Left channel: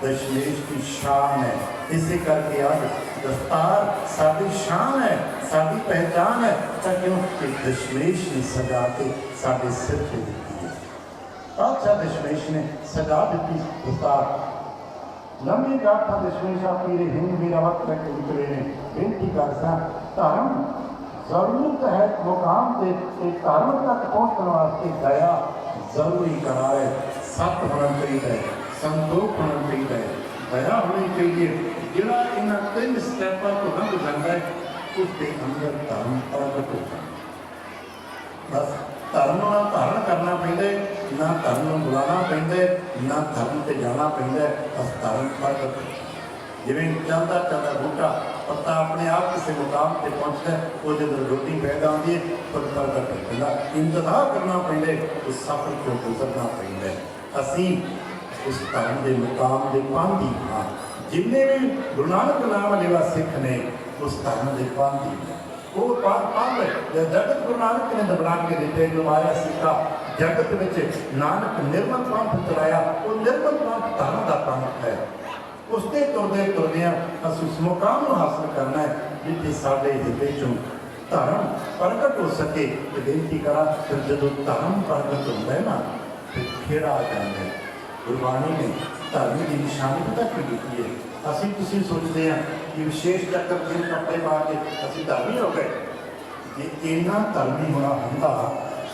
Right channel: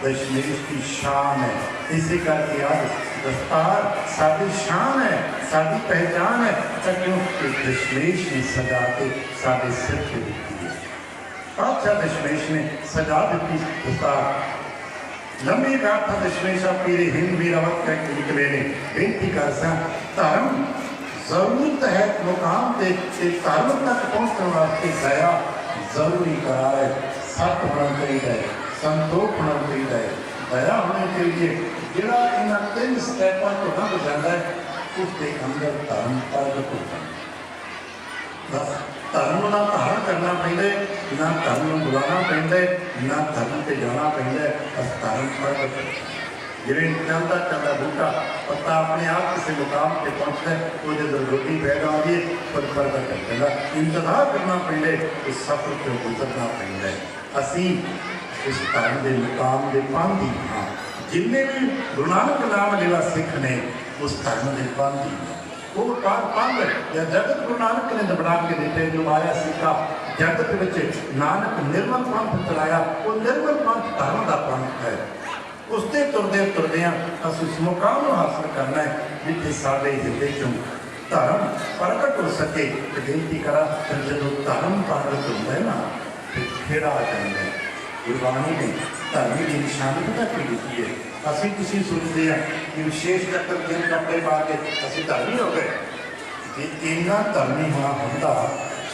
दशमेश की शान है। इसी करके आज दस्तार साडी शान है, साडी पहचान है। क्योंकि दशमेश ने सजा के साडे सिर पे दी है। अच्छा दशमेश ने सजा दी दस्तार। लंबी गाथा दशमेशा पीरे हिंद वीरावत कह के निकले ने बेनती कर सा धर्म जरूरत है मुकाम से धर्म तक पहुँचने वास्ते दया जरूरी करार है। सत होना चाहिए, संतोख होना चाहिए, दया होनी चाहिए। जिहड़ा इन्हां तीन स्टैपां तो लंघ जाता है उसके अंदर धर्म प्रगट होता है। बस धर्म ना धारण करना पैंदा, ना धर्म बुलाना पैंदा, ना धर्म से जाना पैंदा। बस धर्म प्रगट जिवें चलता चलता बूटा पत्ता अपने आप किसी मुकाम पर पहुँचता है, वो जो रोटी पैदा आती है खुद प्रगट पैदा। इंतजार करना पैंदा, उस सफर को गुजरना पैंदा। असी इस धर्म के मुकाम के पांधी हाँ। जिन्हें भी गुरु नानक नाम लेला सिख ने उस धर्म के पांधी वो पंध या जगत गुरु नानक ने बना के दिते जो आया सीखा जगत में नानक निर्मल पंथ चलाया। वो निर्मल पंथ धर्म का पंथ है। उससे तुरदे तुरदे असं उस मुकाम को हासिल करना है जिथे साढ़े हिरदे चों धर्म प्रगट हो सके। तो बेनती करा जो धर्म प्रगट होता है ना तो खेड़ा आ जाता है। गुरबाणी ने धर्म की निशानी पता की दी है। असी किसी सोचते हैं कि विशेष चक्कर दिन कपड़े पा के असी धर्मी हो गए। जे इन्ना धर्मी होना होंदा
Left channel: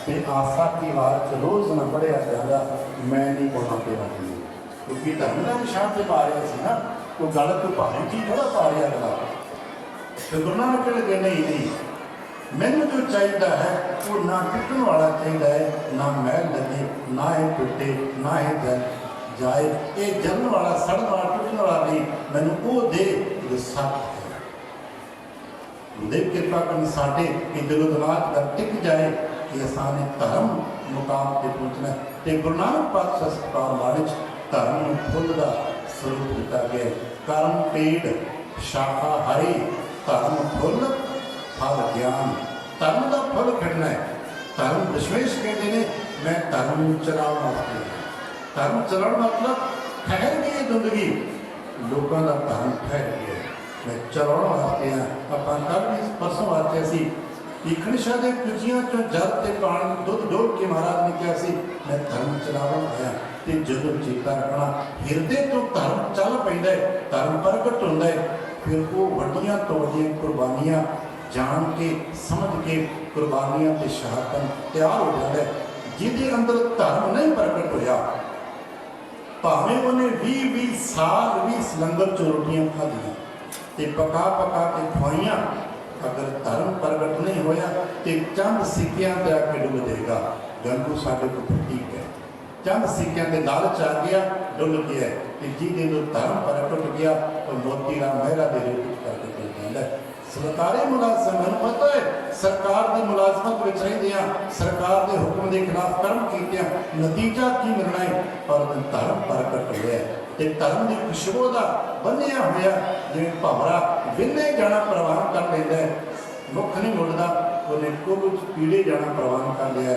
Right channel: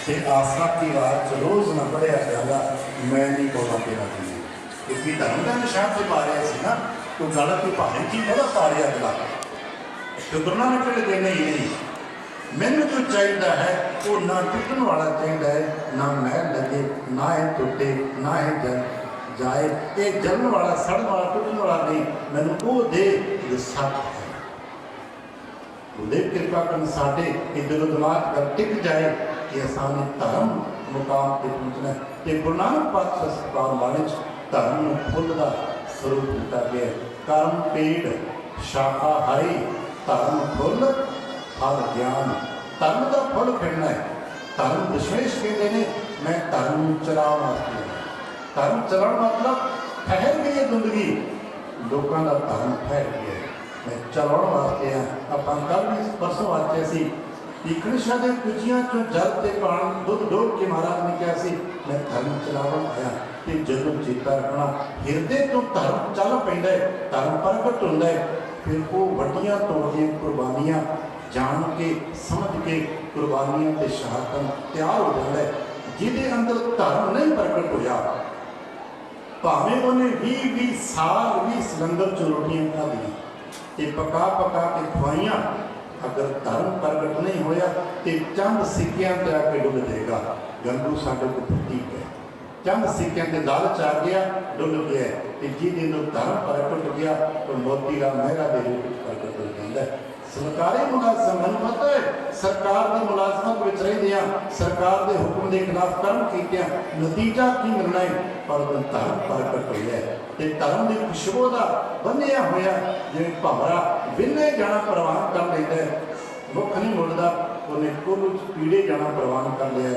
ते आशा की रात रोज़ न पढ़िया जाता मैं नहीं बोलना तेरा जी क्योंकि धर्म का निशान से पा रहा सी ना कोई गलत कोई भारी की बड़ा पा रहा गला तो गुरु नानक देना ही नहीं। मैनू जो चाहिए है वो ना टुटन वाला चाहिए है, ना महल लगे, ना ही टुटे, ना ही जल जाए। ये जलन वाला सड़न वाला टुटन वाला नहीं, मैनू वो दे जो सत है। गुरुदेव कृपा कर साढ़े कि दिलो दिमाग का टिक जाए कि असाने धर्म मुकाम पर पहुँचना। तो गुरु नानक पातशाह सरकार वाले धर्म फुल का स्वरूप कर गया। कर्म पेड़ शाखा हरी धर्म फुल फल ज्ञान। धर्म का फल खड़ना है। धर्म दशमेश कहते हैं मैं धर्म चलाओ वास्ते धर्म चलाने मतलब ठहर गई है जिंदगी लोगों का धर्म ठहर गया मैं चलाने वास्ते हाँ। अपन कल भी परसों वास्ते सी इकनिशा के कुचियां चो जल के पानी दुध डोल के महाराज ने कहा सी मैं धर्म चलावन आया। तो जदों चेता रखना हिरदे तो धर्म चल पैंदा है, धर्म प्रगट होंदा है। फिर वो वड्डियां तोड़ियां कुर्बानियां जान के समझ के कुर्बानियां ते शहादत तैयार हो जाता है। जिहदे अंदर धर्म नहीं प्रगट होया भावें उन्हें 20-20 साल भी सिलंडर चो रोटियां खादियां ते पका पका के खुआइयां अगर धर्म प्रगट नहीं होया तो चंद सिक्कियां ते आके डुल देगा। गंगू साडे को फटी है चंद सिक्कियां के लालच आ गया डुल गया कि जिहदे अंदर धर्म प्रगट हो गया तो मोती राम मेहरा दे रूप में प्रगट हो जाता है। सरकारी मुलाजम मैं पता है सरकार की मुलाजमत में रहिंदियां सरकार के हुक्म के खिलाफ कर्म किया नतीजा की निर्णय पर धर्म प्रगट होया ते धर्म की खुशबू का बनिया होया जिवें भवरा विन्ने जाना प्रवान कर लेता है मुख नहीं मुड़ता उन्हें कुल पीड़े जाना प्रवान कर लिया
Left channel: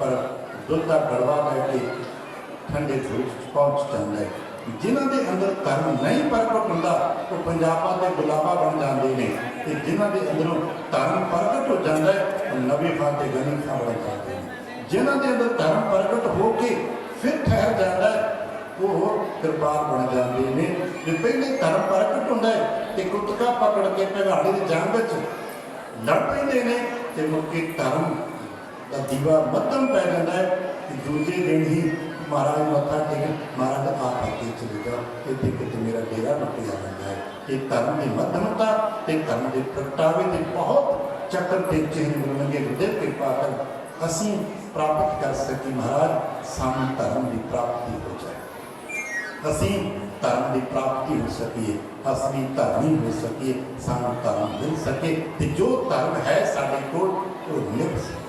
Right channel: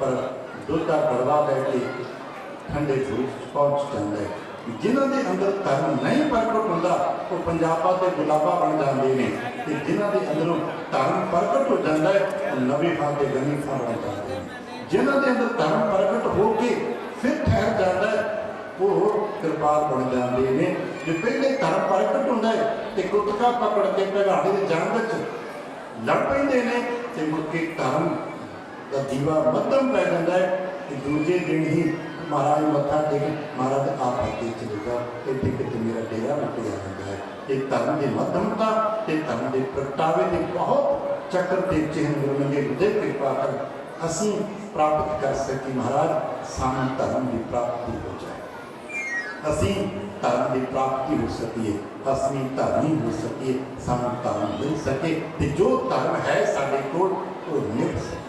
पर दुध का गड़वा करके ठंडे दूध पहुँच जाता है। जिन्हों के अंदर धर्म नहीं प्रगट होता वो पंजाबा के गुलाबा बन जाते हैं। जिन्हों के अंदर धर्म प्रगट हो जाता है वो नबी खान के गनी खान बन जाते हैं। जिन्हों के अंदर धर्म प्रगट होके फिर ठहर जाता है वो कृपाल बन जाते हैं। जो पहले धर्म प्रगट होता है तो कुत्ता पकड़ के भगाड़े की जंग लड़ पेंदे ने तो मुड़के धर्म का दीवा मध्यम पै जाता है कि दूजे दिन ही महाराज मत्था टेक महाराज आप अगे चले जाओ इतने कितने मेरा डेरा रुकिया जाता है। एक धर्म की मध्यमता एक धर्म के प्रगटावे के बहुत चक्कर के चिन्ह गुरु के गुरुदेव कृपा कर असी प्राप्त कर सकी। महाराज सानू धर्म की प्राप्ति हो जाए असी धर्म की प्राप्ति हो सकिए असली धर्मी हो सकिए सानू धर्म मिल सके तो जो धर्म है साढ़े को मिल सके।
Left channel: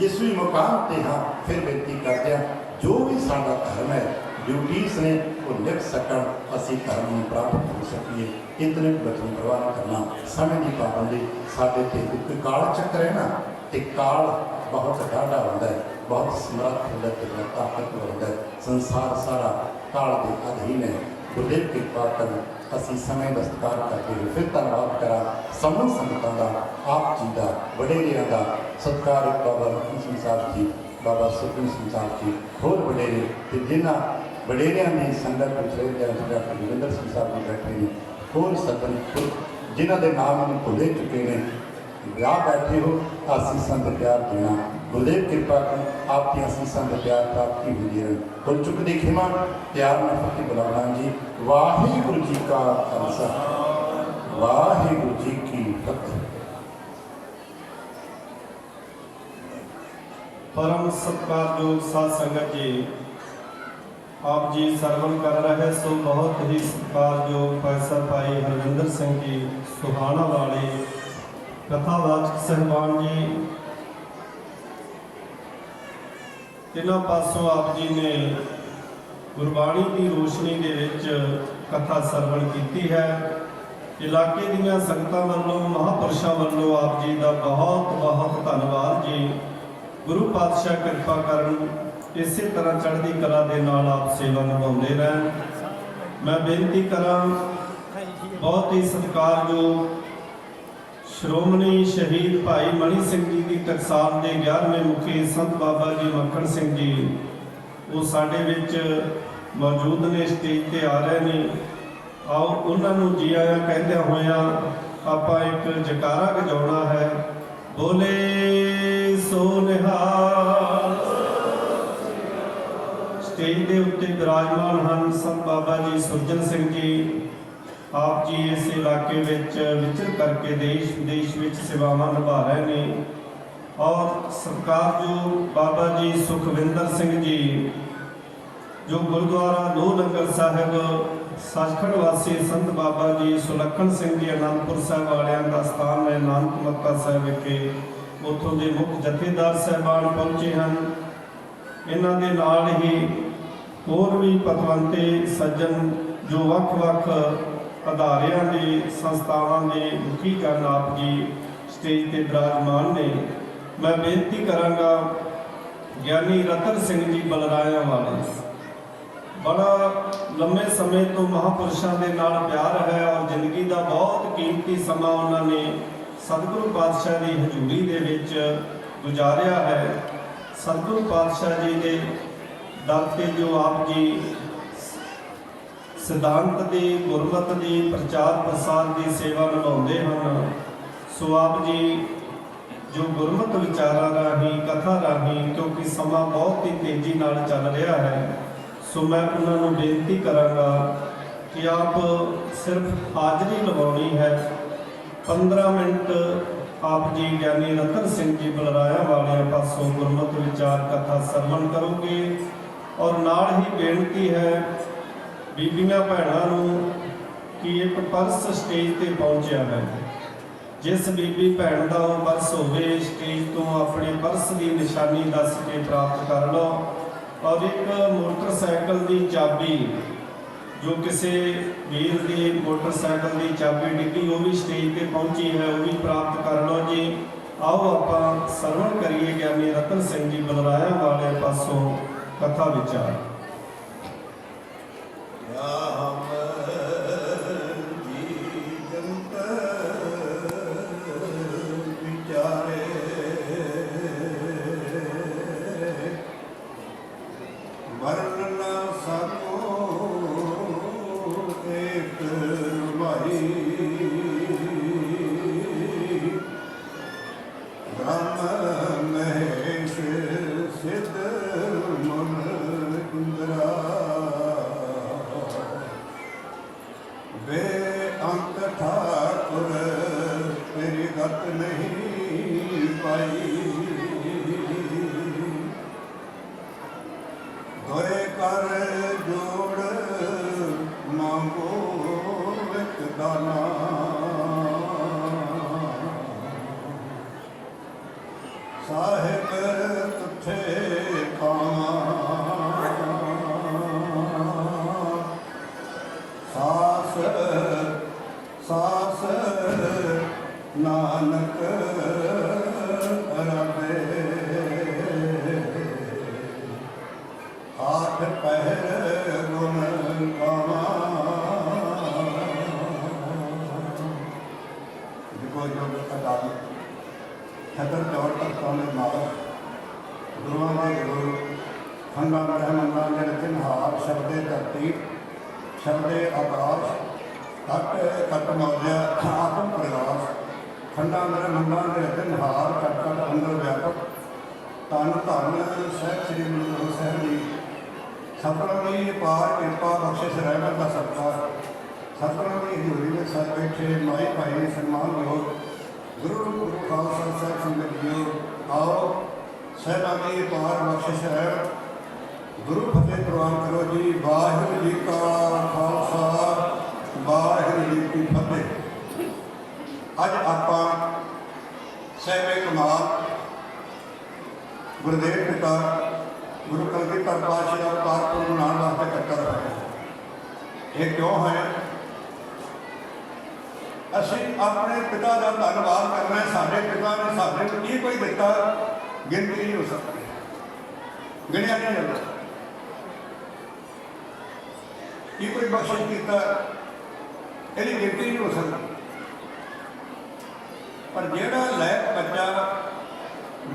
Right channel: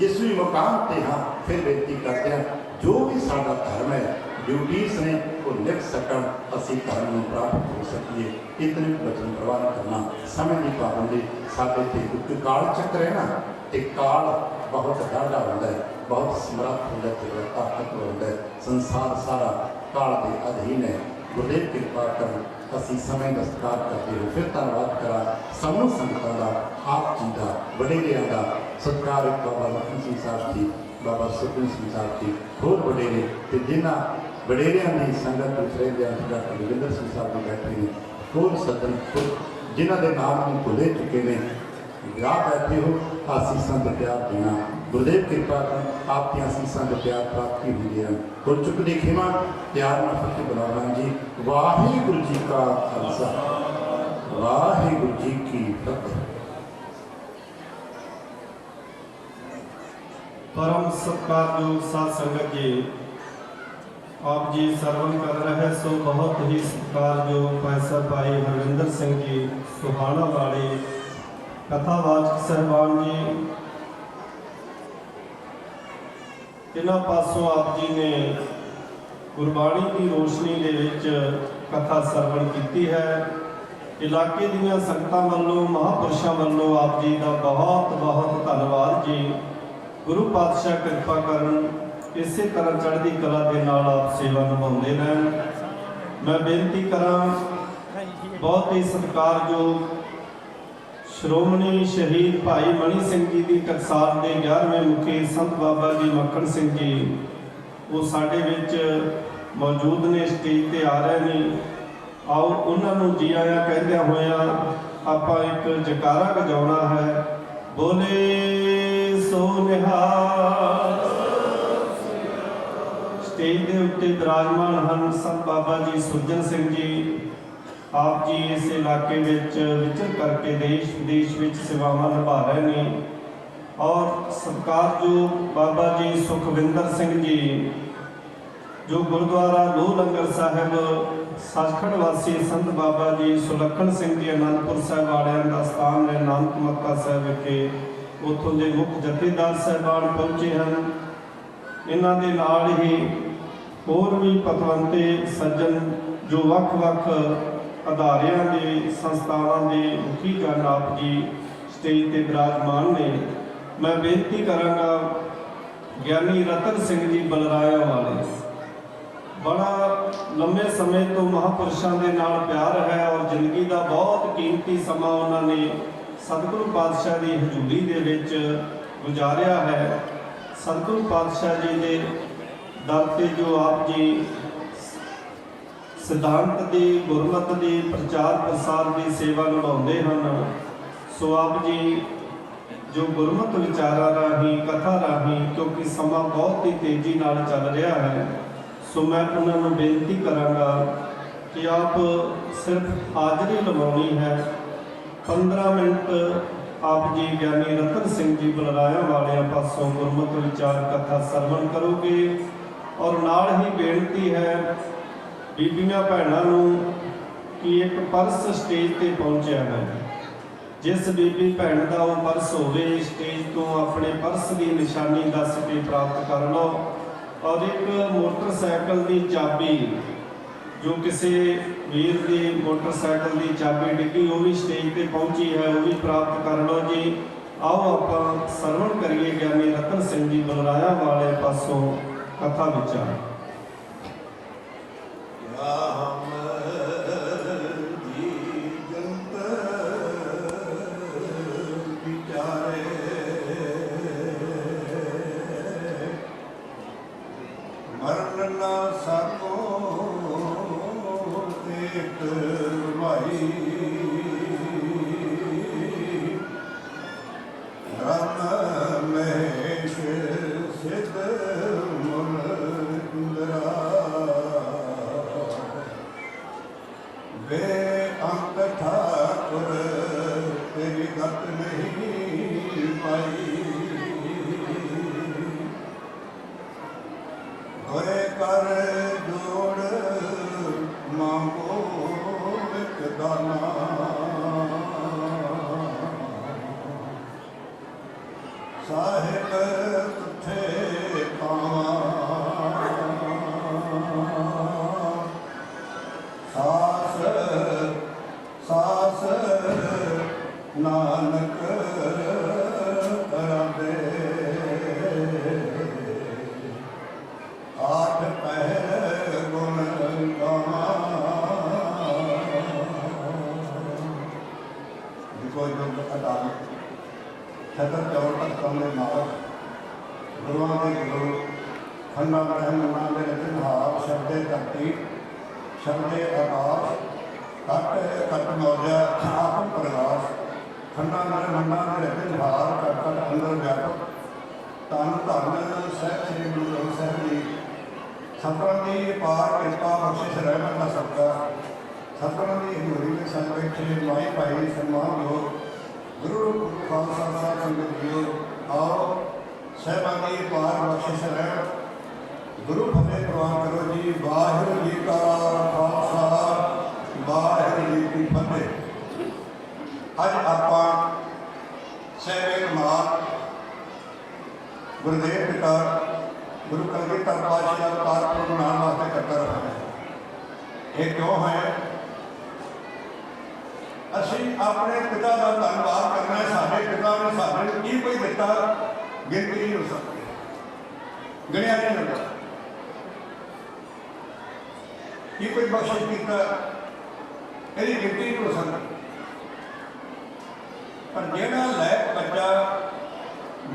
जिस भी मुकाम पर हाँ फिर बेनती करते हैं जो भी साडा धर्म है ड्यूटीज ने वो लिख सकन असी धर्म में प्राप्त हो सकिए। इतने वचन प्रवान करना समय की पाबंदी साढ़े ते काल चक्कर है ना तो काल बहुत ढाढ़ा होता है बहुत समर्थ होता है ताकतवर होता है। संसार सारा काल के अधीन है गुरदेव कृपा करन। असीं समय दा सत्कार करते हुए फिर धन्नवाद करा समूह संगतां दा, आप जी दा, वडेरियां दा सत्कार बाबा लखन सिंह साहब जी, बाबा सुरजन सिंह साहब जी, होर वडेरे ते जिन्हां वडेरियां दी संगत उत्तरेंद्र डॉक्टर जोगिंदर सिंह साहब जी बैठे ने, होर सज्जन जिन्हां दे नाम मैनूं भुले चुके ने, विआह बैठे हो आसीसां ते प्यार देना। गुरदेव कृपा की आप दी आसीसां ते प्यार प्राप्ति हुंदी है। गुर चुकदी खिमा प्यार नाल फतेह बुलाना जी। वाहिगुरू जी का खालसा, वाहिगुरू जी की फतेह। परम सत्कारयोग साध संगत जी, आप जी सरवण कर रहे सो बहुत ही सत्कारयोग पैसा भाई हरविंदर सिंह जी सुहाना वाले कथावाचक सहबान जी, इन्हां पासों आप जी ने गुरबाणी की रोशनी के विच कथा सरवण की है। इलाके दीयां संगतां वल्लों महापुरुषों वल्लों आप जी का बहुत बहुत धन्नवाद जी। गुरु पातशाह कृपा करन इस तरह चढ़ती कला के नाल आप सेवा निभाते रहन। मैं बेनती करा बहुत ही सत्कारयोग श्रोमणी शहीद भाई मणि सिंह जी की टकसाल के 11वें मुखी संत बाबा जी मक्खन सिंह जी वो साडे विच मौजूद ने, स्टेज ते आ रहे हैं। आओ उन्होंने जी आया कहद्या होया आपां एक जयकारा गजाउणा है। बोले सो निहाल। स्टेज के उत्ते विराजमान हैं संत बाबा जी सुरजन सिंह जी। आप जी इस इलाके विचर करके देश विदेश में सेवावां निभा रहे हैं। और सरकार जो बाबा जी सुखविंदर सिंह जी जो गुरुद्वारा लोह लंगर साहिब सचखंड वासी संत बाबा जी सुलखन सिंह जी आनंदपुर साहिब वालियां का स्थान है नानक मक्का साहिब विखे, उत्थों के मुख्य जथेदार साहबान पहुँचे हैं। इन्हां दे नाल ही होर भी पतवंते सज्जन जो वख-वख अदारियां के संस्थावां के मुखीकरण आप जी स्टेज पर विराजमान ने। मैं बेनती करांगा ज्ञानी रतन सिंह जी बलराया वाले, बड़ा लंबे समय तो महापुरुषों के नाल प्यार है और जिंदगी का बहुत कीमती समा उन्होंने सतगुरु पातशाह की हजूरी के विच गुजारिया है। सतगुरु पातशाह जी के दर ते जो आप जी सिद्धांत की गुरमत की प्रचार प्रसार की सेवा निभाते हैं। सो आप जी जो गुरमत विचारा राही कथा राही, क्योंकि समा बहुत ही तेजी नाल चल रहा है, सो मैं उन्होंने बेनती करांगा कि आप सिर्फ हाजरी लवानी है। 15 मिनट आप जी ज्ञानी रतन सिंह जी बलराया वाले पासों गुरमत विचार कथा सरवण करोगे। और नाल ही बेनती है बीबियां भैनों कि एक पर्स स्टेज पर पहुँचा है। जिस बीबी भैन का वो पर्स होवे स्टेज तो अपने पर्स की निशानी दस के प्राप्त कर लो। और एक मोटरसाइकिल की चाबी जो किसी वीर की मोटरसाइकिल की चाबी डिग्गी वो भी स्टेज पर पहुँची है, वो भी प्राप्त कर लो जी। आओ आप सरवण करिए ज्ञानी रतन सिंह जी बलराया वाले पासों कथा विचार। नानक राधे आठ पहर गुण गावा शब्दे आकाश तट कट मौर्य आत्म प्रकाश खंडा नर मंडा के हार कट अंदर व्यापक तन धन सह श्री गुरु ग्रंथ साहिब जी सतगुर की पार कृपा बख्शिश रहमत का सदका सतगुर की हजूरी में सज बैठे माई भाई सन्मान योग गुरु खालसा साहब संगत जियो आओ साहिबा की पार बख्शिश रहमत गुरु फतेह प्रवान करो जी। वाहिगुरू जी का खालसा वाहिगुरू जी की फतेह। अज आपां साहिब कमाल गुरुदेव पिता गुरु कलगीधर पातशाह का अवतार को मनाने वास्ते इकट्ठा रखा है। ये क्यों है? असीं अपने पिता का धन्यवाद करना है। साडे पिता ने साडे की कोई दिता गिनती नहीं हो सकती, गिणिया नहीं जा सकता। ये कोई बख्शिश किया यदि गिनती नहीं हो सकती। पर जेड़ा लैक बच्चा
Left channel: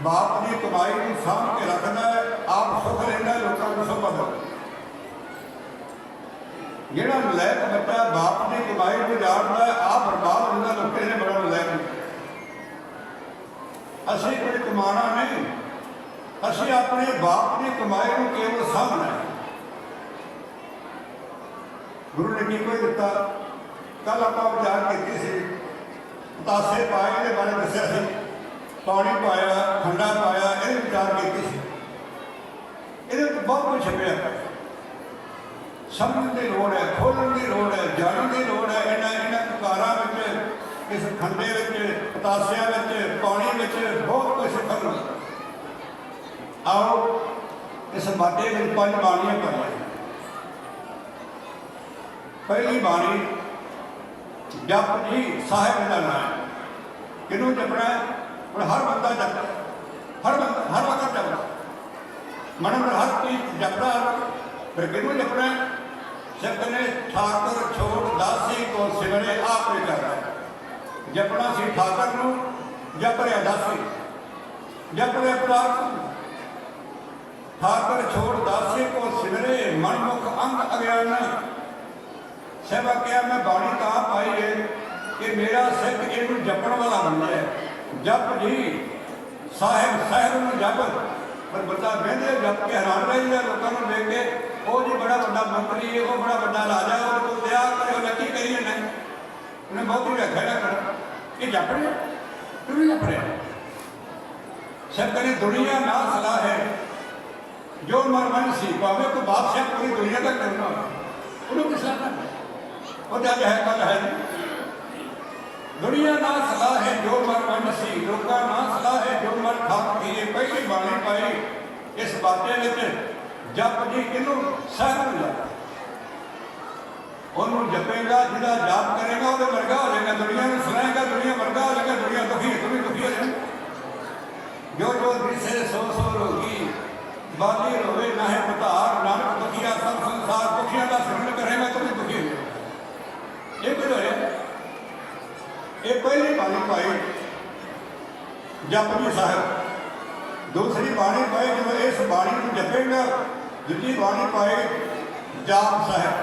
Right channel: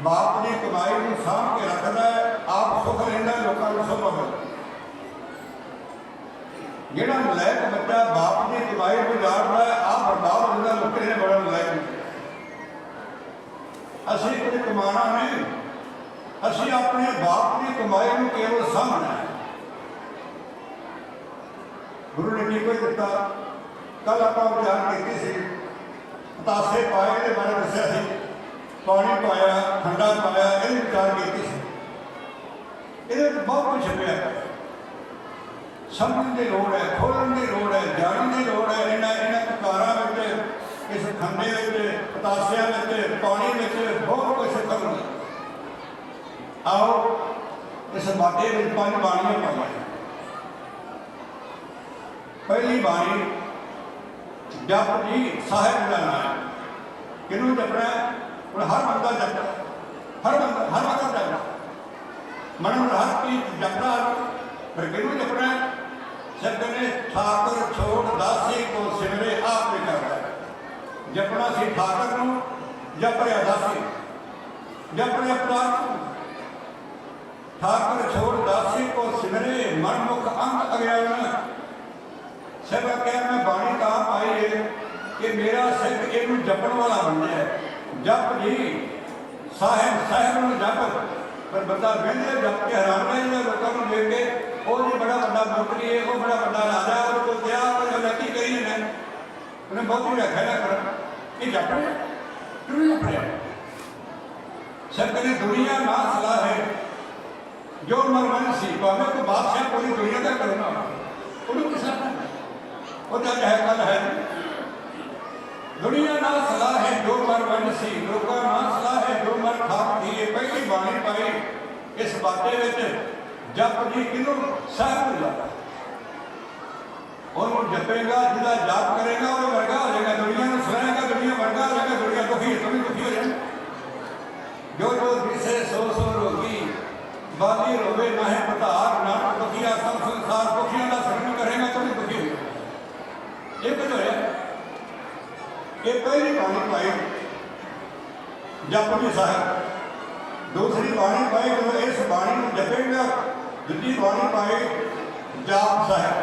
बाप की कमाई को साम के रखता है आप सुख लेना लोगों को सुख होता। जेड़ा लैक बच्चा बाप की कमाई को जानता है आप बर्बाद होता लोग ने बड़ा लैक। असी कोई कमाना नहीं, असी अपने बाप की कमाई को केवल सामना है। गुरु ने की कोई दिता कल आप विचार की तासे पाए के बारे दसिया सी पानी पाया खंडा पाया ये विचार की ये बहुत कुछ छपिया समझने की लोड़ है, खोलने की लोड़ है, जानने की लोड़ है। इन्हें ककारा इस खंडे पतासिया पानी बहुत कुछ खबर। आओ इस बाटे में पंज बाणियां पाई। पहली बाणी जप जी साहिब का नाम किनू जपना और हर बंदा जपता, हर बंदा जपता मन में हर चीज जपता। फिर किनू जपना जब ने ठाकुर छोड़ दासी को सिमरे आप करता जपना सी ठाकुर को जप रहा दासी जप रहा प्राण ठाकुर छोड़ दासी को सिमरे मनमुख अंग अज्ञान। सब क्या मैं बाणी का पाई है कि मेरा सिख इनू जपन वाला बन जाए। जप जी साहिब साहिब में जप पर बंदा कहते जप के हैरान रह लोगों को देख के वो जी बड़ा बड़ा मंत्री है वो बड़ा बड़ा राजा है वो दया कर नक्की करी है उन्हें बहुत ही रखा है करना ये जप है क्यों जप है। सब कहीं दुनिया ना सलाह है जो मरमन सी तो हमें तो बादशाह कोई दुनिया का करना उन्होंने किस वो क्या है कल है दुनिया ना सलाह है जो मर मनसी लोका ना सलाह है जो मर खाक दिए। पहली बाणी पाई इस बाटे विच जप जी किनू सहब मिला उन्होंने जपेगा जिला जाप करेगा वो वर्गा हो जाएगा दुनिया में सुनाएगा दुनिया वर्गा हो जाएगा दुनिया दुखी तुम्हें दुखी हो जाए। जो जो दिसे सो सो रोगी बाली रोवे ना है पता नानक दुखिया सब संसार दुखिया का शरण करेगा तुम्हें दुखी हो जाए। एक ये पहली बाणी पाई जप जी साहब। दूसरी बाणी पाई जब इस बाणी को जपेगा दूसरी बाणी पाई जाप साहब।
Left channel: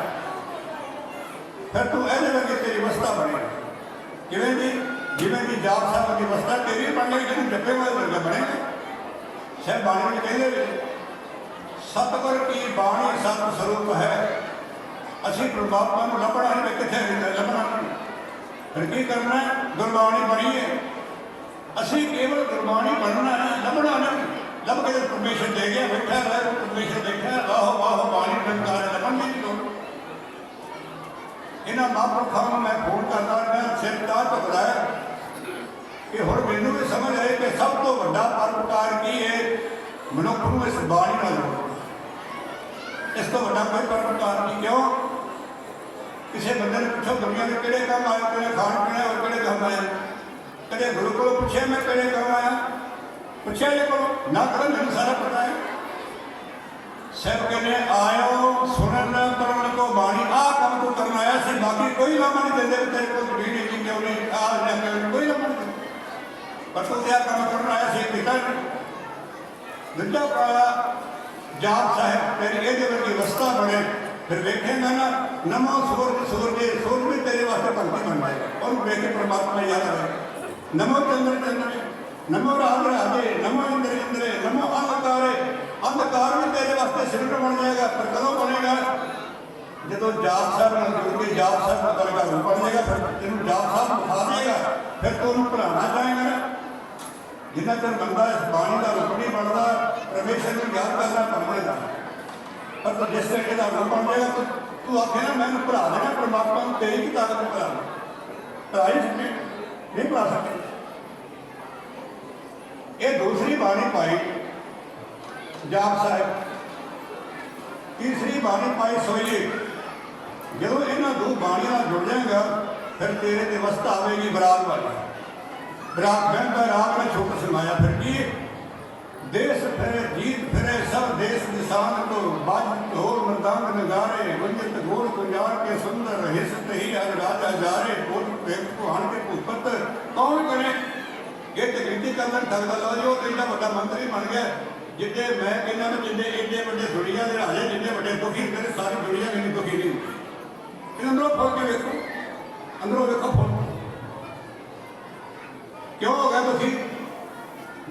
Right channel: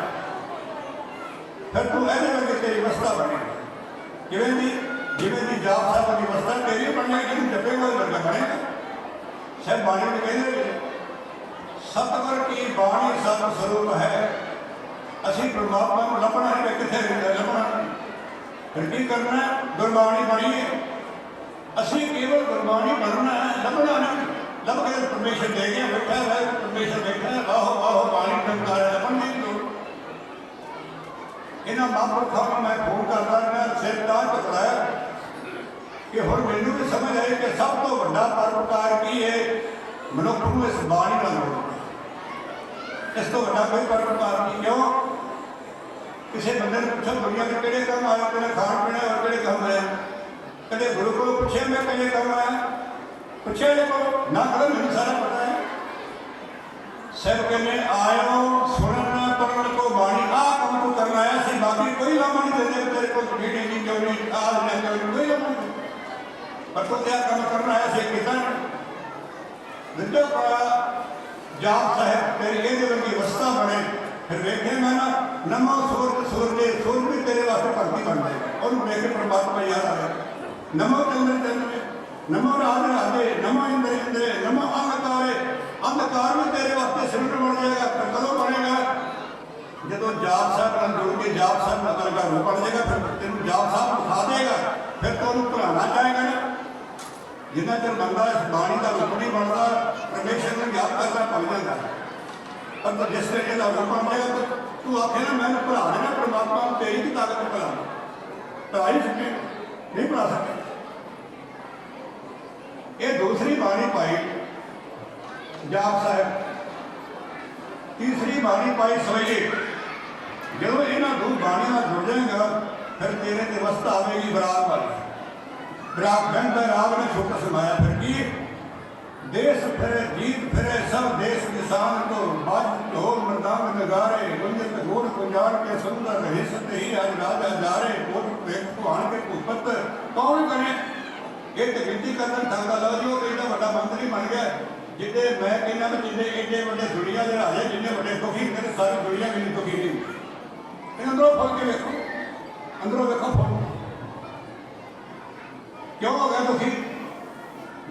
फिर तू ऐसे लगे तेरी अवस्था बने किवें जी जिवें जी जाप साहब की अवस्था तेरी बनने की जपे हुए लगे बने सब बाणी में कहते सतगुर की बाणी सत स्वरूप है। असी परमात्मा को लभना है कितने लभना फिर की करना है गुरबाणी पढ़ी है असी केवल गुरबाणी पढ़ना है लभना नहीं लभ के परमेश्वर दे गया बैठा है परमेश्वर देखा है आहो आहो बाणी टंकार लभन की लोड़। इन्होंने महापुरुषों मैं फोन करता मैं सिर तार टकराया कि हुण मैनूं भी समझ आई कि सब तो बड़ा परोपकार की है मनुख को इस बाणी नाल इस तो बड़ा कोई परोपकार नहीं। क्यों किसी बंदे ने पूछो दुनिया के किहड़े काम आए किहड़े खाण पीने और किहड़े काम आए कदे गुरु को पूछे मैं किहड़े काम आया पूछे ना करो मैंने सारा पता है। सब कहने आयो सुनन पढ़न तो बाणी आ काम को करना है सी बाकी कोई लामा नहीं देते तेरे को ढीढ़ नहीं क्यों नहीं आ ना कोई लामा नहीं पर तो क्या काम करना है सी कितना दूजा पाया जाप साहब तेरे ये की अवस्था बने फिर देखेगा ना नमो सूर भी तेरे वास्ते भगती बन जाएगा और देख के परमात्मा याद आएगा। नमो चंद्र नमो राजे नमो इंद्र नमो अंधकार भी तेरे वास्ते सिमरन बन जाएगा। तो कदों बनेगा जो जाप साहब ਨਾਲ जुड़ के जाप साहब नकल का रूप बन जाएगा। फिर तेन जाप साहब दिखा देगा फिर तो उन्होंने पढ़ाना चाहेगा ना। जिन्ना चर बंदा इस बाणी का रूप नहीं बनता परमेश्वर को याद करना भूल जाता पर तो जिस तरह का रूप बन जाएगा तो तू आखे ना मैंने पढ़ा देना परमात्मा को तेरी की ताकत में पढ़ा पढ़ाई सकते नहीं पढ़ा सकते। ये दूसरी बाणी पाई जाप साहब, तीसरी बाणी पाई सोइए। जो इन्होंने दो बाणी ना जुड़ जाएगा फिर तेरे ते अवस्था आएगी बरात वाली। बरात बहन का राग ने छोटा सुनाया फिर की देश फिरे जीत फिरे सब देश निशान तो बाज ढोल मृदांग नगारे गुंजित गोल कुंजाड़ के सुंदर रहे सत ही आज राजा जारे कोट प्रेम को आन के कुपत कौन करे ये तो गिनती करना थकदा लो जो इतना बड़ा मंत्री बन गया जिन्हें मैं कहना मैं जिन्हें एडे बड़े दुनिया के राजे जिन्हें बड़े दुखी मेरे सारी दुनिया में दुखी नहीं। इन अंदरों खोल के देखो अंदरों देखो खोल क्यों हो गया दुखी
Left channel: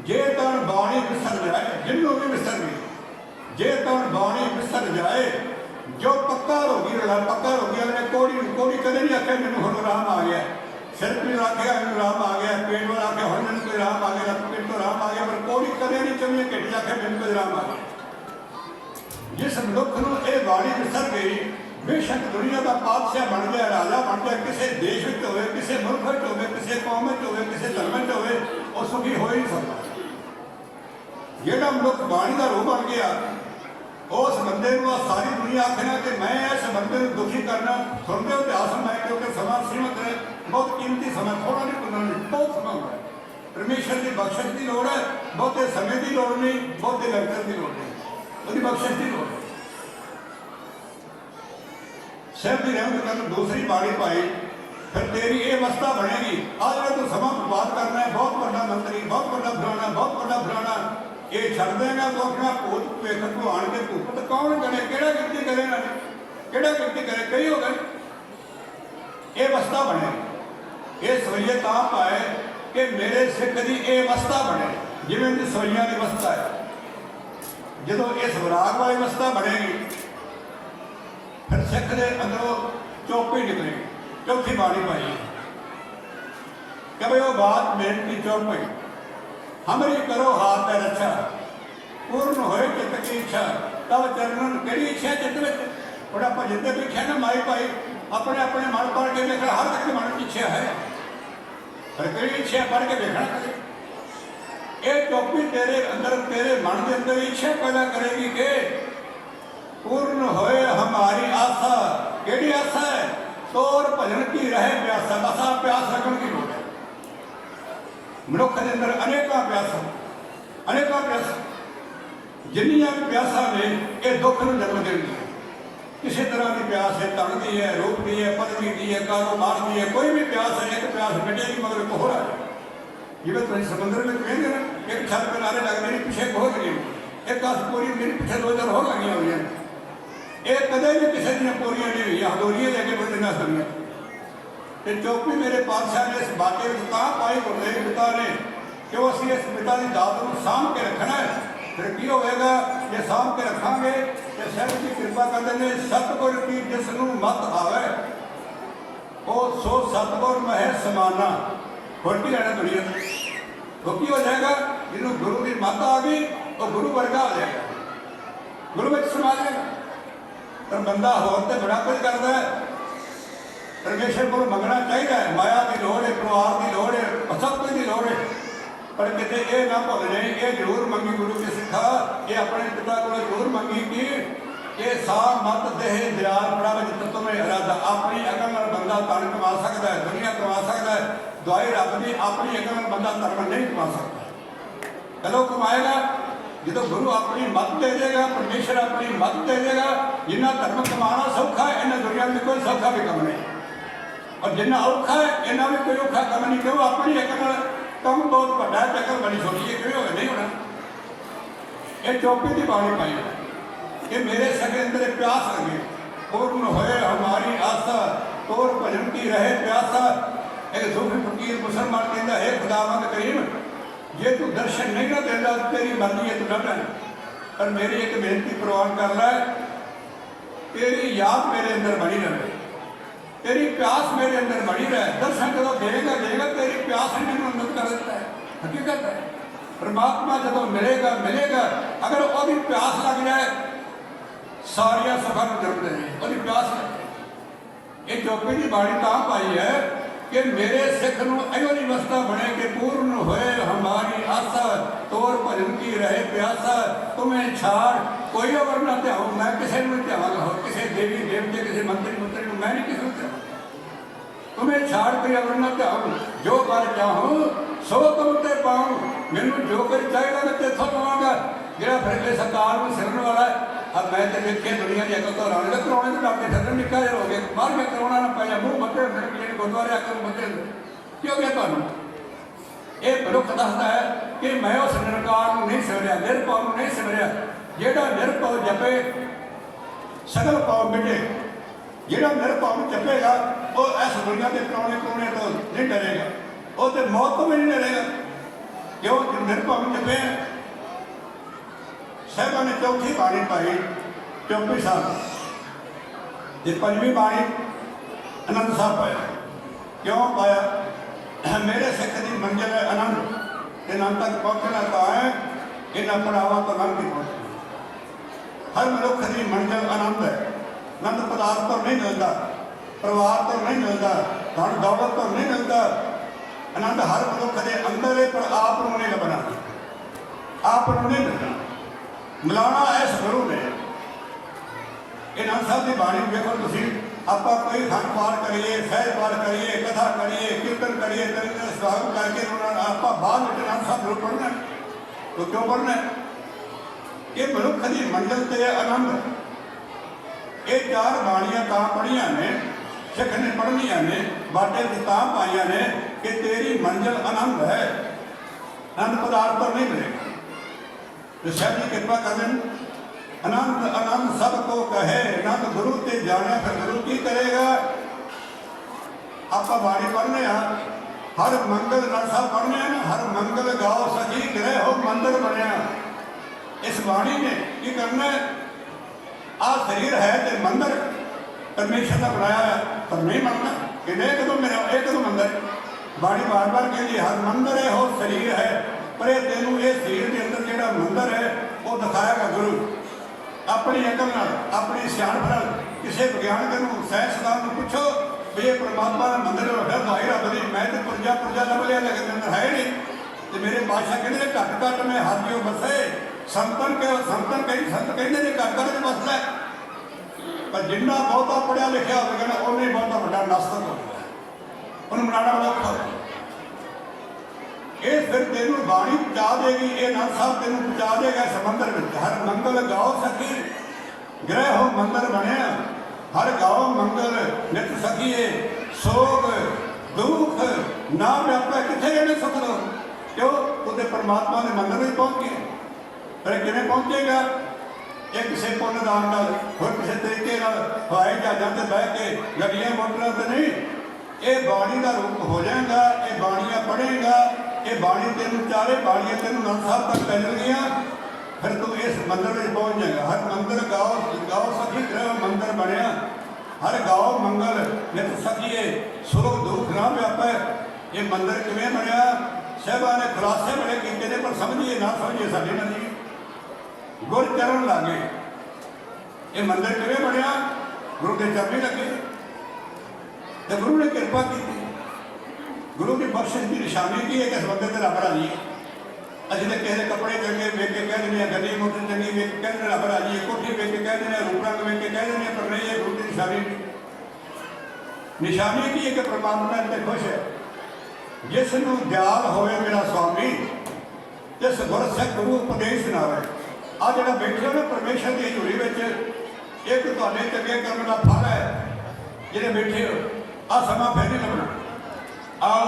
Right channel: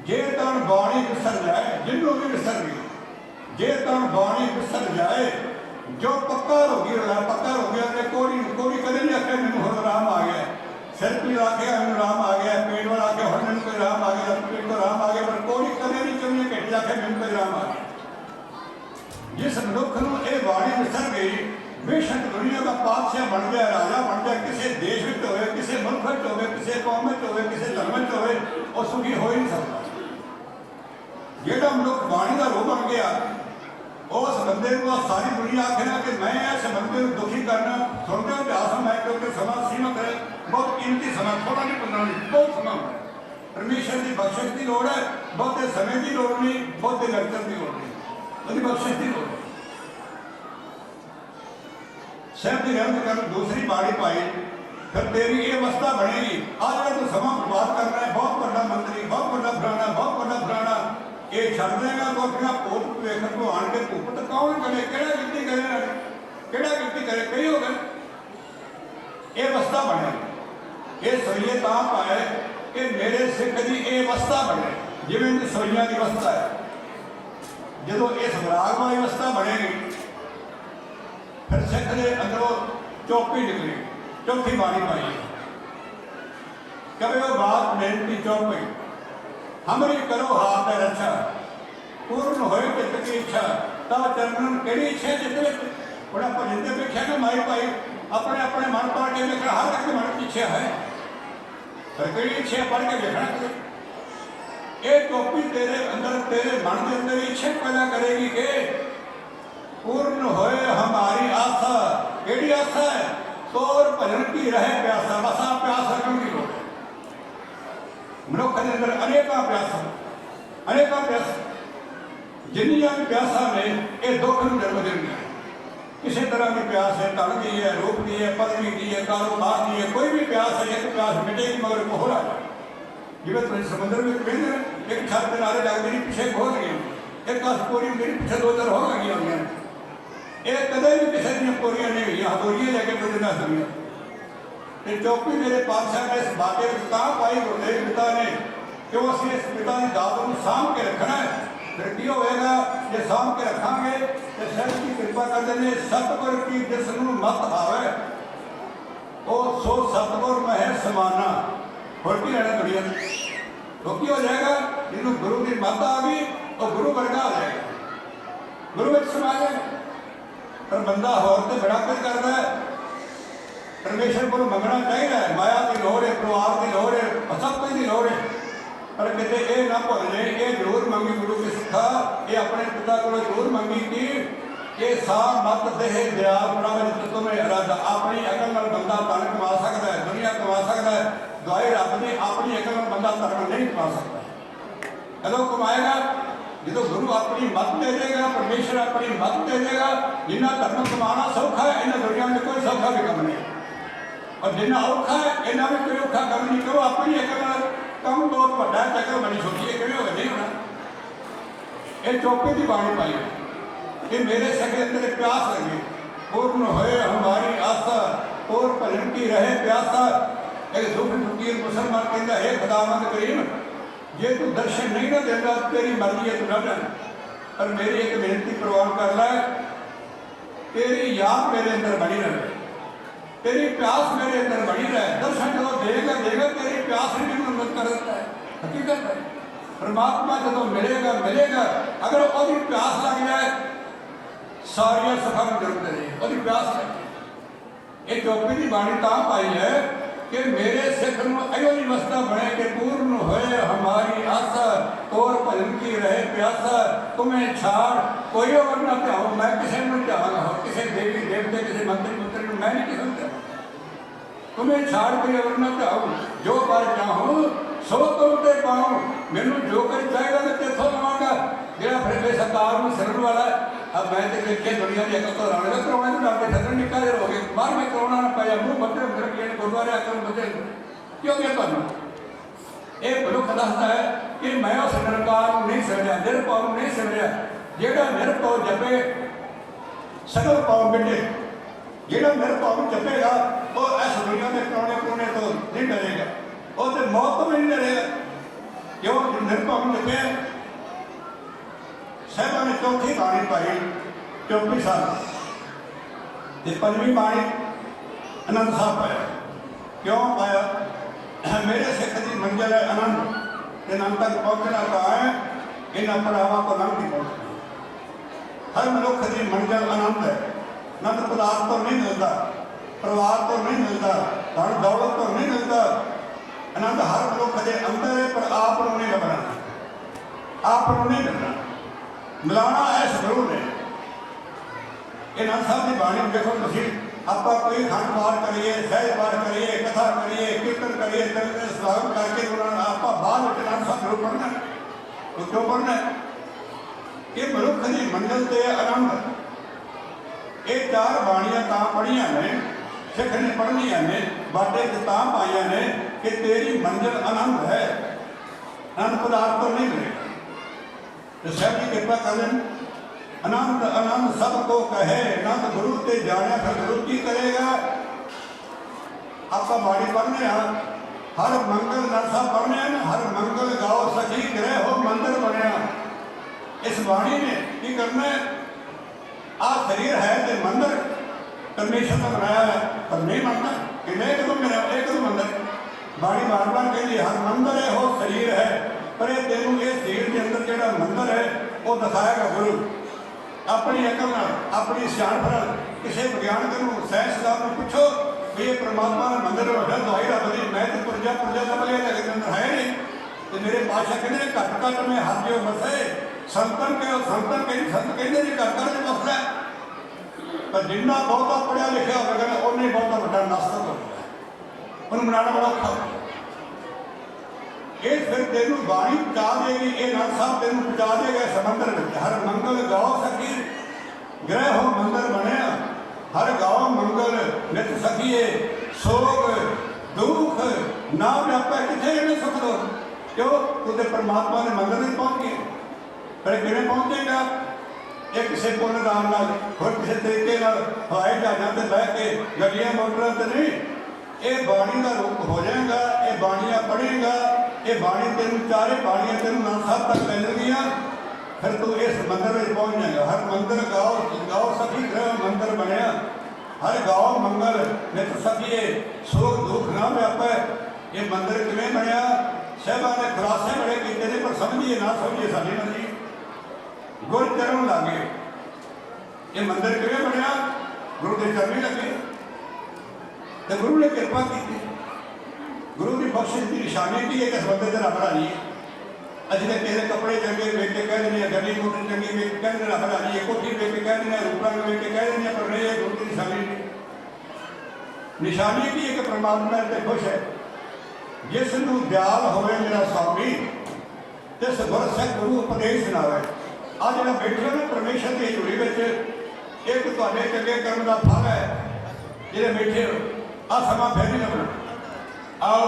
जे तन बाणी विसर जाए जिन्हों भी विसर गई जे तन बाणी विसर जाए जो पक्का होगी पक्का होगी अपने कोड़ी कदे नहीं आखे मैंने हम राम आ गया सिर भी आखे हम राम आ गया पेट वाला आके हम मैंने कोई राम आ गया पेट तो राम आ गया पर कोड़ी कदे नहीं चाहिए घटी आखे मैंने कोई राम आ गया। जिस मनुख को यह बाणी विसर गई बेशक दुनिया का पातशाह बन गया राजा बन गया किसी देश में हो किसी मुल्क में हो किसी कौम में हो किसी धर्म में हो और सुखी हो ही नहीं सकता। जेड़ा मनुख बाणी का रूप बन गया उस बंदे को सारी दुनिया आखना कि मैं इस बंदे को दुखी करना सुनते हो इतिहास में क्योंकि समा सीमित है बहुत कीमती समय थोड़ा नहीं करना बहुत समय है परमेश्वर की बख्शिश की लोड़ है बहुते समय की लोड़ नहीं बहुते लड़कर की लोड़ नहीं उसकी बख्शिश की लोड़ है। सिर की रहमत कर दूसरी बाणी पाई फिर तेरी ये अवस्था बनेगी। आज का तो समा बर्बाद करना है बहुत बड़ा मंत्री बहुत बड़ा फलाना ये छड़ देगा तो अपना पोत लेखन को आन के भूख तो कौन करे केड़ा गिनती करे ना केड़ा गिनती करे कई हो गए ये अवस्था बनेगी। ये सोइए तां पाए कि मेरे सिख की ये अवस्था बने जिवें सोइया की अवस्था है जो इस विराग वाली अवस्था बनेगी फिर सिख के अंदरों चौकी निकलेगी। चौथी बाणी पाई कभी वो बात बेनती चौकी हमरी करो हाथ में रक्षा पूर्ण होए चित्त की इच्छा तब चरणन केड़ी इच्छा चित्त में बड़ा भजन की इच्छा ना माई पाई अपने अपने मन पढ़ के देखना हर एक मन की इच्छा है पर केड़ी इच्छा पढ़ के देखना ये चौकी तेरे अंदर तेरे मन के अंदर इच्छा पैदा करेगी कि पूर्ण होए हमारी आशा केड़ी आशा है तोर भजन की रहे प्यासा असा प्यास रखने की लोड़ है। मनुख के अंदर अनेकों प्यास जिन्नियां प्यासा ने ये दुख में जन्म देंगे किसी तरह की प्यास है धन की है रूप की है पदवी की है कारोबार की है कोई भी प्यास है एक प्यास मिटेगी मगर एक हो रहा है जिਵੇਂ ਤੁਸੀਂ समुद्र में कहते हैं एक छत किनारे लग मेरी पीछे हो गई एक आस पूरी मेरी पीछे दो चार हो गई हुई ये कदे भी किसी दिन पूरी नहीं हुई हदोरियाँ लेके बंद ना सुनिए। चौकी मेरे पातशाह ने इस बातें तां पाई गुरदेव पिता ने कि वो असं इस पिता की दात को सामभ के रखना है फिर की होएगा जे सामभ के रखांगे तो सैयद की कृपा करते हैं सतगुर की जिसनों मत आवे वो सो सतगुर में है समाना होती रहना दुनिया तो की हो जाएगा जिन्होंने गुरु की मत आ गई तो गुरु वर्गा आ जाएगा गुरु में समा जाएगा। पर बंदा होर तो बड़ा कुछ करता है परमेश्वर को मंगना चाहिए माया की लोड़ है परिवार की लोड़ है सब कुछ की लोड़ है पर कितने ये ना भुल जाए ये जरूर मंगी गुरु की सिखा ये अपने पिता को जरूर मंगी कि ये साम मत देह दयाल बड़ा तुम्हें इरादा अपनी अकल नाल बंदा धन कमा सकता है दुनिया कमा सकता है दवाई रब की अपनी अकल नाल बंदा धर्म नहीं कमा सकता कदों कमाएगा जो गुरु अपनी मत दे देगा परमेश्वर अपनी मत दे देगा जिन्ना धर्म कमाना सौखा है इन्हें दुनिया में कोई सौखा भी कम नहीं और जिन्ना औखा है इन्हें भी कोई औखा कम नहीं क्यों अपनी एक कम बहुत बड़ा चक्कर बनी सोचिए कोई होगा नहीं होना। ये चौकी की बाणी पाई कि मेरे सके अंदर एक प्यास लगे पूर्ण होए हमारी आशा तोर भजन की रहे प्यासा। एक सूफी फकीर मुसलमान कहता है खुदावंद करीम जे तू दर्शन नहीं ना देगा तेरी मर्जी है तू कर ले, पर मेरी एक बेनती प्रवान कर ले, तेरी याद मेरे अंदर बनी रहे, तेरी प्यास मेरे अंदर बनी रहे। दर्शन जो देगा देगा तेरी प्यास ही नहीं मदद कर देता है। हकीकत है परमात्मा जो मिलेगा मिलेगा, अगर वो प्यास लग जाए सारिया सुखा में जरूरत है वो प्यास है। ये चौपी की बाणी तां पाई है कि मेरे सिख नूं इहो नहीं वस्ता बने कि पूर्ण होए हमारी आशा तोर भजन की रहे प्यासा। तुम्हें छाड़ कोई और ना ध्याओ, मैं किसी को ध्यावांगा हो, किसी देवी देवते किसी मंत्री मुंत्री को मैं नहीं किसी को ध्यावांगा। तुम्हें छाड़ कोई और ना ध्याओ, जो कर चाहूँ सो तुम ते पाऊँ, मैनू जो कर चाहेगा मैं तेथों लवांगा। जेड़ा फिर सरकार में सिरन वाला अब मैं तो देखिए दुनिया की अकल तो रावण कराने तो आपके छतन निकाल हो गए बाहर में कराना ना पाया मुँह बच्चे मेरे लिए गुरुद्वारे आकर बच्चे क्यों गया तुम ये मनुख दसता है कि मैं उस निरंकार नहीं सिमरिया निरभव नहीं सिमरिया। जेड़ा निरभव जपे सगल पाओ बेटे, जेड़ा निरभव जपेगा वो इस दुनिया के कराने करोने तो नहीं डरेगा, वो तो मौत तो भी नहीं डरेगा। क्यों निरभव जपे साहबा ने चौथी बाणी पाई चौपी साल ये पंजवीं बाणी आनंद साहब पाया। क्यों पाया? मेरे सिख की मंजिल है आनंद, आनंद तक पहुँचना तो है इन पड़ावां तो आनंद ही पहुँचना। हर मनुख की मंजिल आनंद है। आनंद पदार्थ तो नहीं मिलता, परिवार तो नहीं मिलता, धन दौलत तो नहीं मिलता। आनंद हर मनुख के अंदर है पर आप नहीं लभना, आप नहीं मिलना। मिलाना इस गुरु ने आनंद साहब की बाणी देखो तुम आप कोई धन पार करिए सहज पार करिए कथा करिए कीर्तन करिए स्वागत करके आप बाद में आनंद साहब गुरु पढ़ना तो क्यों पढ़ना है? ये मनुख की मंजिल से आनंद। ये चार बाणियां तां पढ़िया ने सिख ने पढ़निया ने बाटे तां पाइया ने कि तेरी मंजिल आनंद है, आनंद पदार्थ तो नहीं मिलेगा। साहब जी कृपा कर लें। आनंद आनंद सबको कहे आनंद गुरु ते जाना फिर गुरु की करेगा। आप बाड़ी पढ़ने हर मंगल रसा पढ़ने हर मंगल गाओ सजी गिरे हो मंदिर बनया। इस बाणी ने की करना आ शरीर है तो मंदिर परमेश्वर का बनाया है पर नहीं बनना कि नहीं कदम मेरा एक कदम मंदिर। बाणी बार बार कहती हर मंदिर है हो शरीर है पर तेनों ये शरीर के अंदर जो मंदिर है वो दिखाएगा गुरु। अपनी अकल अपनी सियाणप किसी विज्ञानक साइंसदान पूछो भी ये परमात्मा का मंदिर जाहिर है बड़ी मैं तो पुरजा पुरजा लभ लिया लेकिन अंदर है नहीं। तो मेरे पातशाह कहते घट घट में हर जो बसे संतन के संतन कई संत कहते हैं घट घट में बसदा पर जिन्ना बहुता पढ़िया लिखा होगा उन्हें बहुता बड़ा नास्तिक हो गया उन्हें बनाना बड़ा औखा। ये फिर तेन बाणी पहुँचा देगी ये नाथ साहब तेन पहुँचा देगा समंदर में। हर मंगल गाओ सखी ग्रह हो मंदिर बनया हर गाओ मंगल नित सखीए सोग दुख ना व्यापा कितने रहने सुख दो क्यों तुझे परमात्मा ने मंदिर में पहुँच गए पर किमें पहुँचेगा ये किसी पुण्य दान होर किसी तरीके हवाई जहाज़ों से बह के गड्डियां मोटरों से नहीं। ये बाणी का रूप हो जाएगा ये बाणियां पढ़ेगा ये बाणी तेन चारे बाणियां तेन नाथ साहब तक पै जाएगियां फिर तू इस मंदिर में पहुँच जाएगा। हर मंदिर गाओ गाओ सखी ग्रह मंदिर बनया हर गाओ मंगल नित सखीए सुख दुख ना व्यापे। ये मंदिर किमें बनया साहबा ने खुलासे बड़े किए पर समझिए ना समझिए साढ़े नहीं गुर चरण लागे। ये मंदिर किमें बनया गुरु के चरणी लगे तो गुरु ने कृपा की गुरु की बख्शिश की निशानी की है कि इस बंदे से रब राजी है। अभी तो किसी कपड़े चंगे वेख के कह देने गड्डी मोटर चंगी वेख के कहते रब राजी है कोठी वेख के कह देने रूप रंग वेख के कह देने पर नहीं है गुरु की निशानी की है कि परमात्मा से खुश है। जिसनों दयाल होए मेरा स्वामी जिस वर्ष गुरु उपदेश सुनावे। आ जो बैठे हो ना परमेश्वर की हजूरी में एक तुहाडे चंगे कर्म का फल है जिहड़े बैठे हो आ समा फिर नहीं लगना। आओ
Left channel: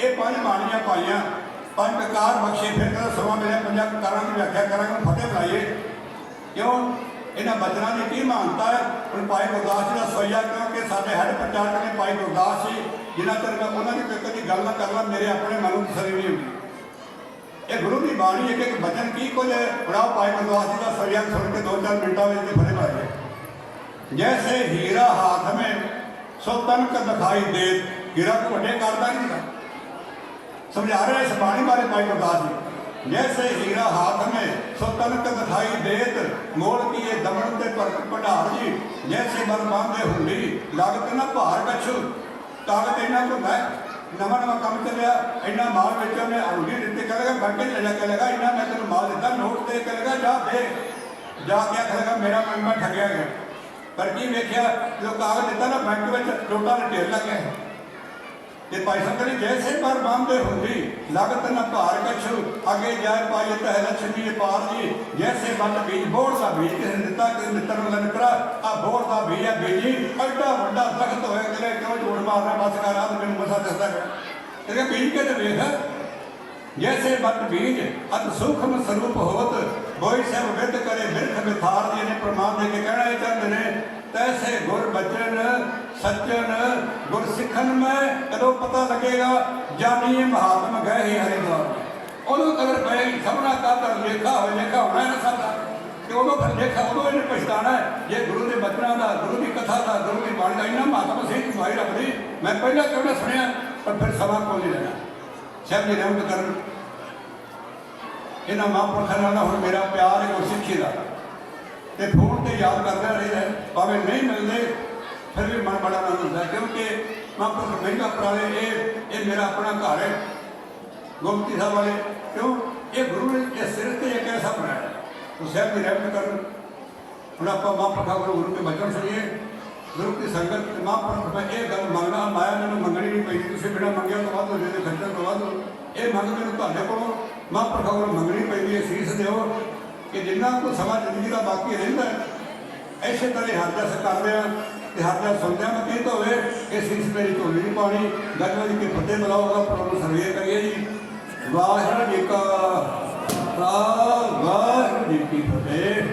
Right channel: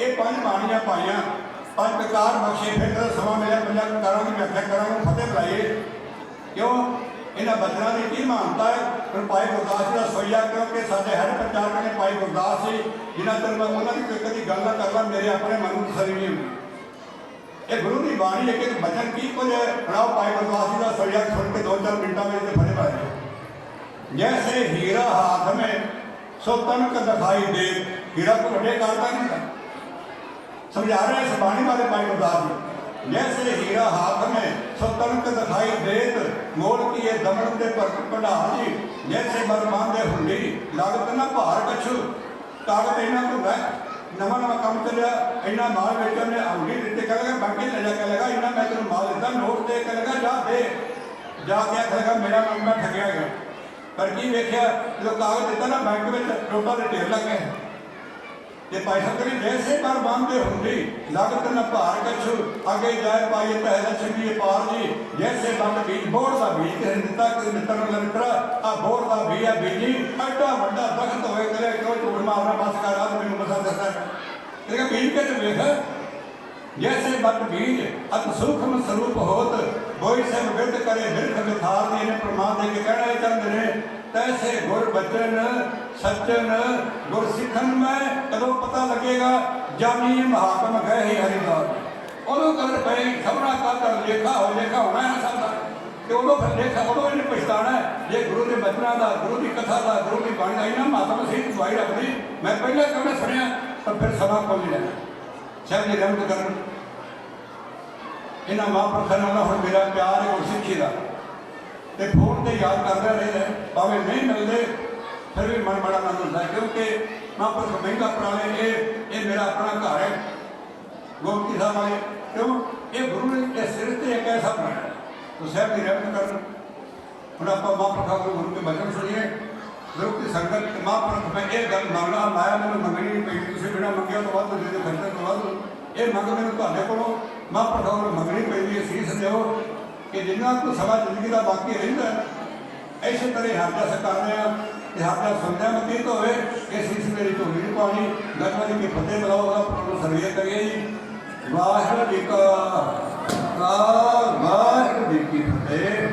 ये पांच बाणियां पाइया पांच ककार बख्शे फिर कदा समा मिले पंजा ककारां की व्याख्या करांगे फतेह बुलाइए क्यों ਇਹਨਾਂ ਬਚਨਾਂ ਦੀ ਕੀ ਮਹਾਨਤਾ ਹੈ। ਹੁਣ ਭਾਈ ਗੁਰਦਾਸ ਜੀ ਦਾ ਸੋਈਆ, ਕਿਉਂਕਿ ਸਾਡੇ ਹੈਡ ਪ੍ਰਚਾਰਕ ਨੇ ਭਾਈ ਗੁਰਦਾਸ ਜੀ, ਜਿਨ੍ਹਾਂ ਚਿਰ ਮੈਂ ਉਹਨਾਂ ਦੀ ਕਦੀ ਗੱਲ ਨਾ ਕਰ ਲਾਂ ਮੇਰੇ ਆਪਣੇ ਮਨ ਨੂੰ ਤਸੱਲੀ ਨਹੀਂ ਹੁੰਦੀ। ਇਹ ਗੁਰੂ ਦੀ ਬਾਣੀ ਇੱਕ ਇੱਕ ਬਚਨ ਕੀ ਕੁਝ ਬਣਾਓ। ਭਾਈ ਗੁਰਦਾਸ ਜੀ ਦਾ ਸੋਈਆ ਸੁਣ ਕੇ 2-4 ਮਿੰਟਾਂ ਵਿੱਚ ਫਰੇ ਪਾਏ। ਜੈਸੇ ਹੀਰਾ ਹਾਥ में सो तनक दिखाई दे। हीरा को ਵੱਡੇ ਕਰਦਾ नहीं समझा रहा है इस बाणी बारे भाई गुरदास जी। जैसे हीरा हाथ में सो तनक दिखाई देत, मोड़ की ये दमन के भंडार जी। जैसे मर बांधे हुंडी लागत ना भार कछु, ताकत इन्ना को है नवा नवा काम चलिया इन्ना माल बेचो ने हुंडी दिते कहेगा बाकी ले जा कहेगा इन्ना मैं तेन माल दिता नोट दे कहेगा जा दे जाके कहेगा मेरा मैं ठगया गया। पर की वेख्या जो कागज दिता ना बैंक में नोटा के ढेर लग गए। ये भाई संत जी जैसे पर बांधे हुंडी लागत न भार कछु, आगे जाए पाई तह लक्ष्मी पार जी। जैसे बंद बीज बोर का बीज किसी दिता कि मित्र मिला मित्रा आ बोर का बीज है बीजी एडा वड्डा दरख्त होए गले क्यों झूठ मारना बस कर रात मैंने बसा देता है। इसका बीज के तो वेख जैसे बंद बीज अत सूक्ष्म स्वरूप होत, कोई सब विद करे बिरख विथार जी ने प्रमाण दे के कहना है चाहते ने। तैसे गुर बचन सज्जन गुर सिखन में कदों पता लगेगा, जानिए महात्म गए ही हरिद्वार। उदों कदर पे सबना का लेखा हो लेखा होना है ना सारा कि उदों फिर लेखा उदों इन्हें पछताना है। ये गुरु के बचना का गुरु की कथा का गुरु की बाणी का इन्हें महात्म सही दवाई रख दी। मैं पहले कभी सुनिया पर फिर सभा को नहीं लगा शायद नहीं रहम कर इन्हें महापुरखों नाल हुण मेरा प्यार है गुरसिक्खी का। तो फोन से याद करते रहे भावें नहीं मिलते फिर भी मन बड़ा आनंद होता है, क्योंकि महापुरख महंगा पुराने ये मेरा अपना घर है गोमती साहब वाले। क्यों ये गुरु के सिर से एक ऐसा बनाया तो शहर की रहमत कर। हम आप महापुरखों गुरु के बचन सुनिए। गुरु की संगत महापुरख में यह गल मंगना माया मैंने मंगनी नहीं पी, किसी बिना मंगे तो बाद जो खर्चा करवा दो ये मंग मैंने तुहाडे कोलों महापुरखों को मंगनी पई शीश दिओ कि जिन्ना को सवा जिंदगी का बाकी रहिंदा ऐसे तरह हाथ से कर रहे हैं कि हाथ सुनने मतीत होवे कि शीश मेरी झोली नहीं पानी गंगा जी की फतेह बुलाओगा प्रभु सर्वे करिए जी। वाहिगुरू जी का वाहिगुरू जी की फतेह।